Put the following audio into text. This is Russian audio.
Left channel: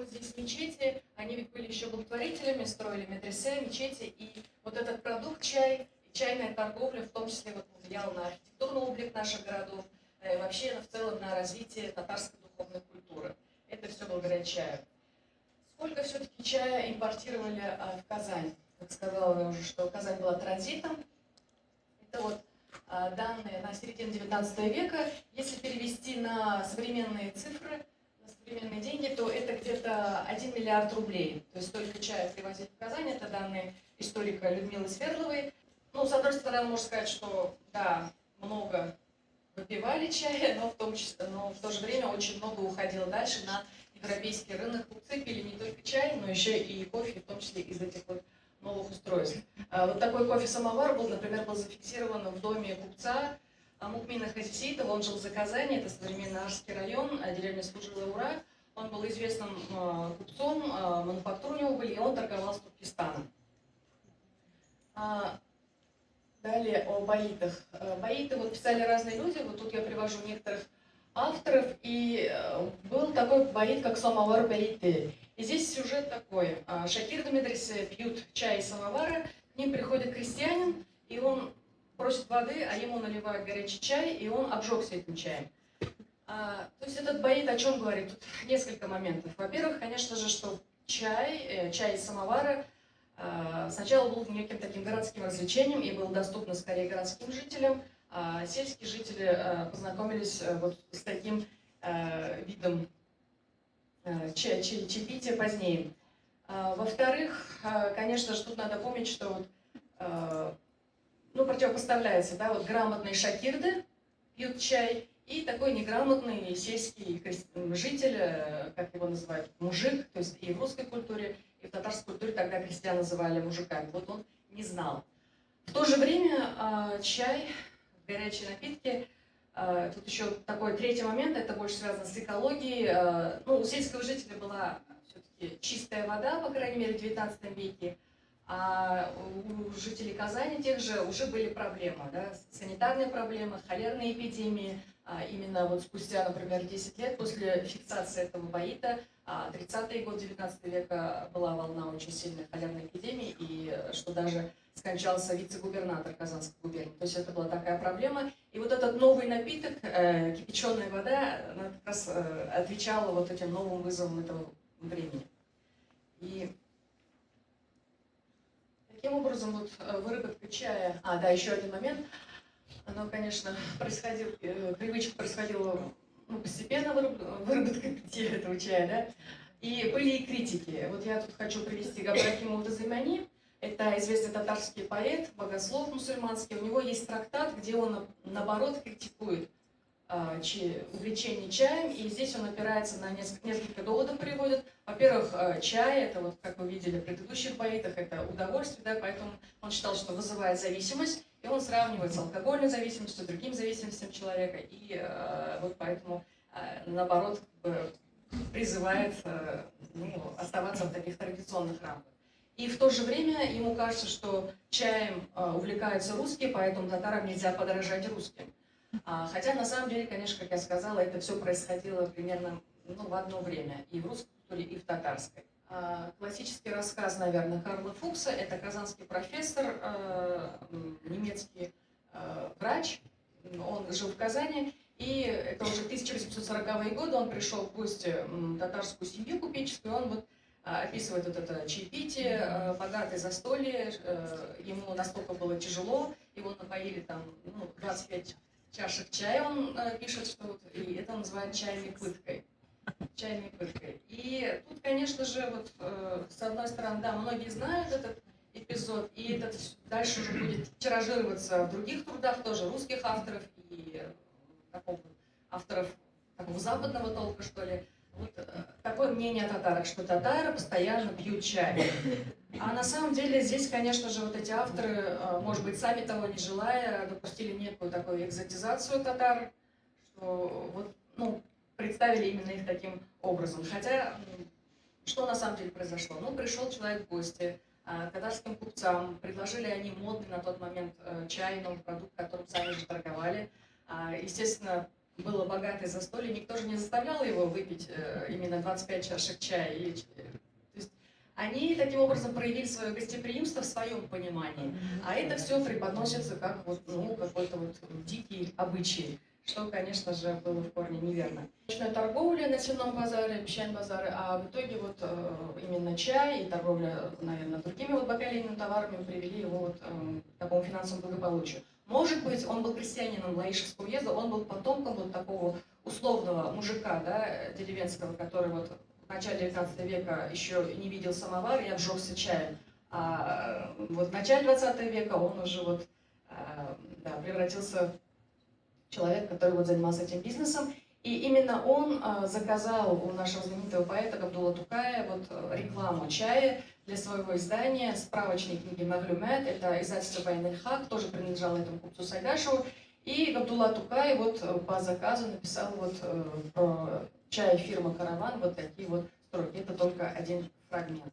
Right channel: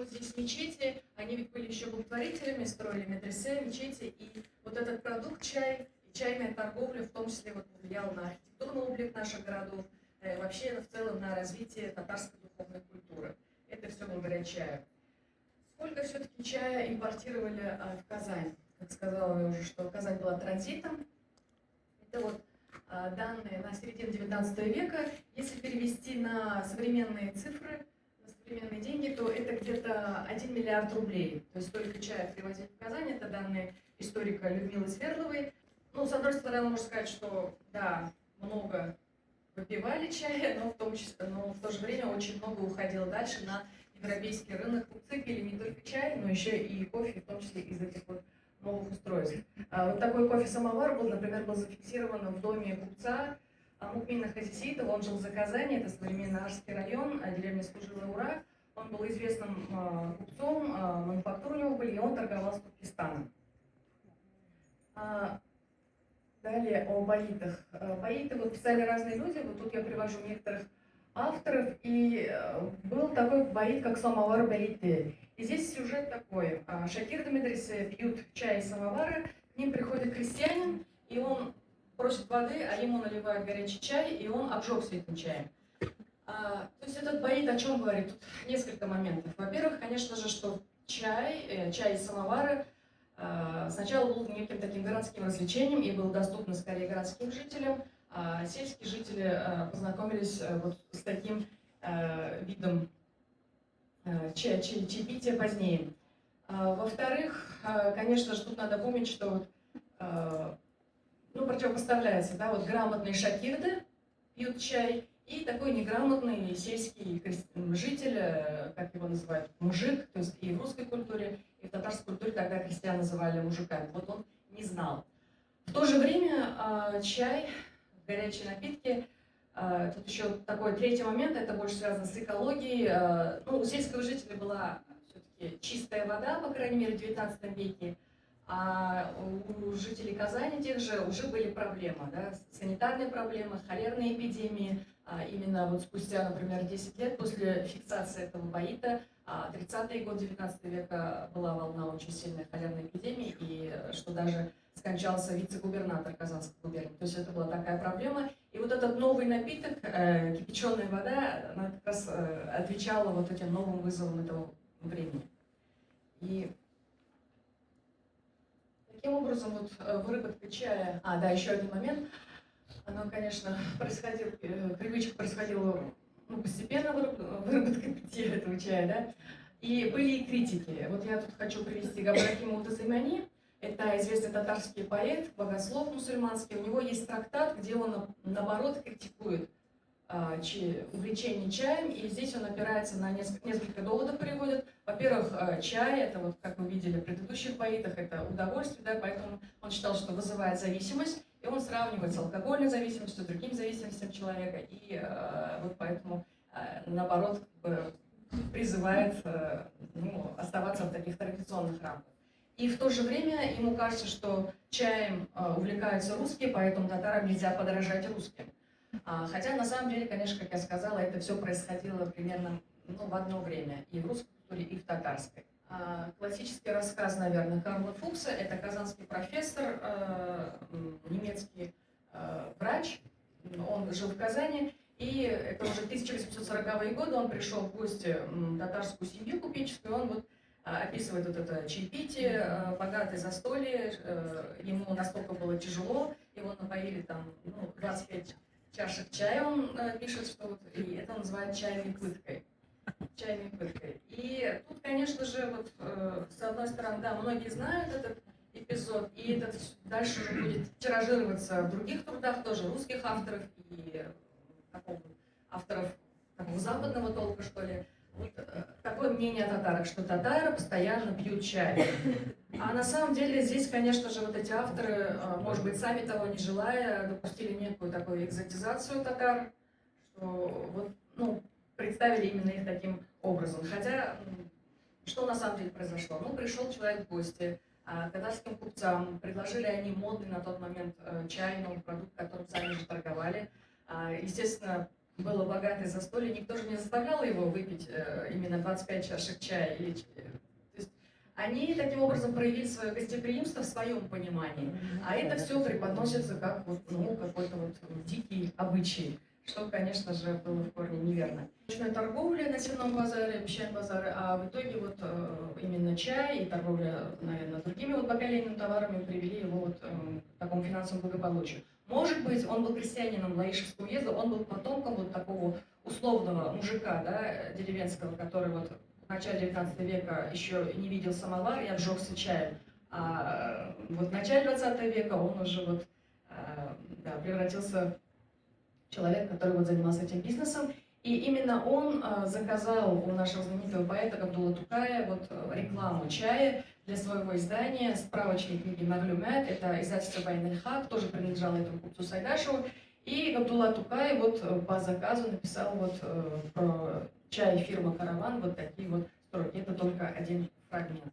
вот здесь мечети, они ведь были еще благотворителями, строили медресе, мечети, и вот этот продукт чай, чайная торговля, в том числе вот повлияла на архитектурный облик наших городов, вообще в целом на развитие татарской духовной культуры. Это все благодаря чаю. Сколько все-таки чая импортировали в Казань? Как сказала я уже, что Казань была транзитом. Это вот данные на середину 19 века. Если перевести на современные цифры, на современные деньги, то это где-то 1 миллиард рублей. То есть столько чая привозили в Казань. Это данные историка Людмилы Свердловой. Ну, с одной стороны, можно сказать, что да, много выпивали чая, но в то же время очень много уходило дальше на европейский рынок. Купцы пили не только чай, но еще и кофе, в том числе из этих вот новых устройств. Вот такой кофе-самовар был, например, был зафиксирован в доме купца Мукмина Хазисеитова. Он жил за Казани, это современный Арский район, деревня Служилая Ура. Он был известным купцом, мануфактуры у него были, и он торговал с Туркестаном. Далее о баитах. Баиты вот писали разные люди, вот тут я привожу некоторых авторов, и был такой баит, как самовар баиты. И здесь сюжет такой. Шакирды медресе пьют чай из самовара, к ним приходит крестьянин, и он просит воды, а ему наливают горячий чай, и он обжегся этим чаем. То есть этот баит о чем говорит? Тут несколько моментов. Во-первых, конечно же, что чай из самовара сначала был неким таким городским развлечением и был доступно скорее городским жителям. Сельские жители познакомились вот с таким видом чаепития позднее. Во-вторых, конечно же, тут надо помнить, что вот, противопоставляется, да, вот грамотные шакирды пьют чай и такой неграмотный сельский житель, как его называют, мужик, то есть и в русской культуре, и в татарской культуре тогда крестьян называли мужиками. Вот он не знал. В то же время чай, горячие напитки, тут еще такой третий момент, это больше связано с экологией. У сельского жителя была все-таки чистая вода, по крайней мере, в 19 веке, а у жителей Казани тех же уже были проблемы, да, санитарные проблемы, холерные эпидемии. Именно вот спустя, например, 10 лет после фиксации этого баита, 30-е годы 19 века была волна очень сильной холерной эпидемии, и что даже скончался вице-губернатор Казанской губернии. То есть это была такая проблема. И вот этот новый напиток, кипяченая вода, она как раз отвечала вот этим новым вызовам этого времени. И таким образом вот выработка чая... еще один момент. Оно, конечно, привычка происходила постепенно, выработка питья этого чая, да. И были и критики. Вот я тут хочу привести Габрахима Мутазаймани. Это известный татарский поэт, богослов мусульманский. У него есть трактат, где он, наоборот, критикует увлечение чаем. И здесь он опирается на несколько доводов приводит. Во-первых, чай, это вот, как вы видели в предыдущих поэтах, это удовольствие, да, поэтому он считал, что вызывает зависимость. И он сравнивает с алкогольной зависимостью, с другими зависимостями человека. И вот поэтому, наоборот, призывает оставаться в таких традиционных рамках. И в то же время ему кажется, что чаем увлекаются русские, поэтому татарам нельзя подражать русским. Хотя на самом деле, конечно, как я сказала, это все происходило примерно в одно время и в русской культуре, и в татарской. Классический рассказ, наверное, Карла Фукса, это казанский профессор, немецкий врач, он жил в Казани, и это уже 1840-е годы, он пришел в гости в татарскую семью купеческую, он вот описывает вот это чаепитие, богатое застолье, ему настолько было тяжело, его напоили там 25 чашек чая, он пишет, что вот, и это называют чайной пыткой. И тут, конечно же, вот с одной стороны, да, многие знают этот эпизод, и этот дальше уже будет тиражироваться в других трудах, тоже русских авторов и авторов такого западного толка, что ли. Вот такое мнение о татарах, что татары постоянно пьют чай. А на самом деле здесь, конечно же, вот эти авторы, может быть, сами того не желая, допустили некую такую экзотизацию татар, что вот, представили именно их таким образом. Хотя, что на самом деле произошло? Пришел человек в гости, татарским купцам, предложили они модный на тот момент чай, новый продукт, которым сами же торговали. Естественно, было богатое застолье, никто же не заставлял его выпить именно 25 чашек чая. То есть они таким образом проявили свое гостеприимство в своем понимании, а это все преподносится как вот, ну, какой-то вот дикий обычай, что, конечно же, было в корне неверно. Ночная торговля на Сенном базаре, Песчан-базаре, а в итоге вот именно чай и торговля, наверное, другими вот бакалейными товарами привели его вот к такому финансовому благополучию. Может быть, он был крестьянином Лаишевского уезда, он был потомком вот такого условного мужика, да, деревенского, который вот в начале 19 века еще не видел самовар и обжегся чаем. А вот в начале 20 века он уже вот, да, превратился в человека, который вот занимался этим бизнесом. И именно он заказал у нашего знаменитого поэта Габдулла Тукая вот рекламу чая для своего издания, справочной книги «Маглюмет», это издательство «Байн-эль-Хак», тоже принадлежало этому купцу Сайдашеву. И Габдулла Тукай вот по заказу написал вот про чай фирмы «Караван» вот такие вот строки. Это только один фрагмент.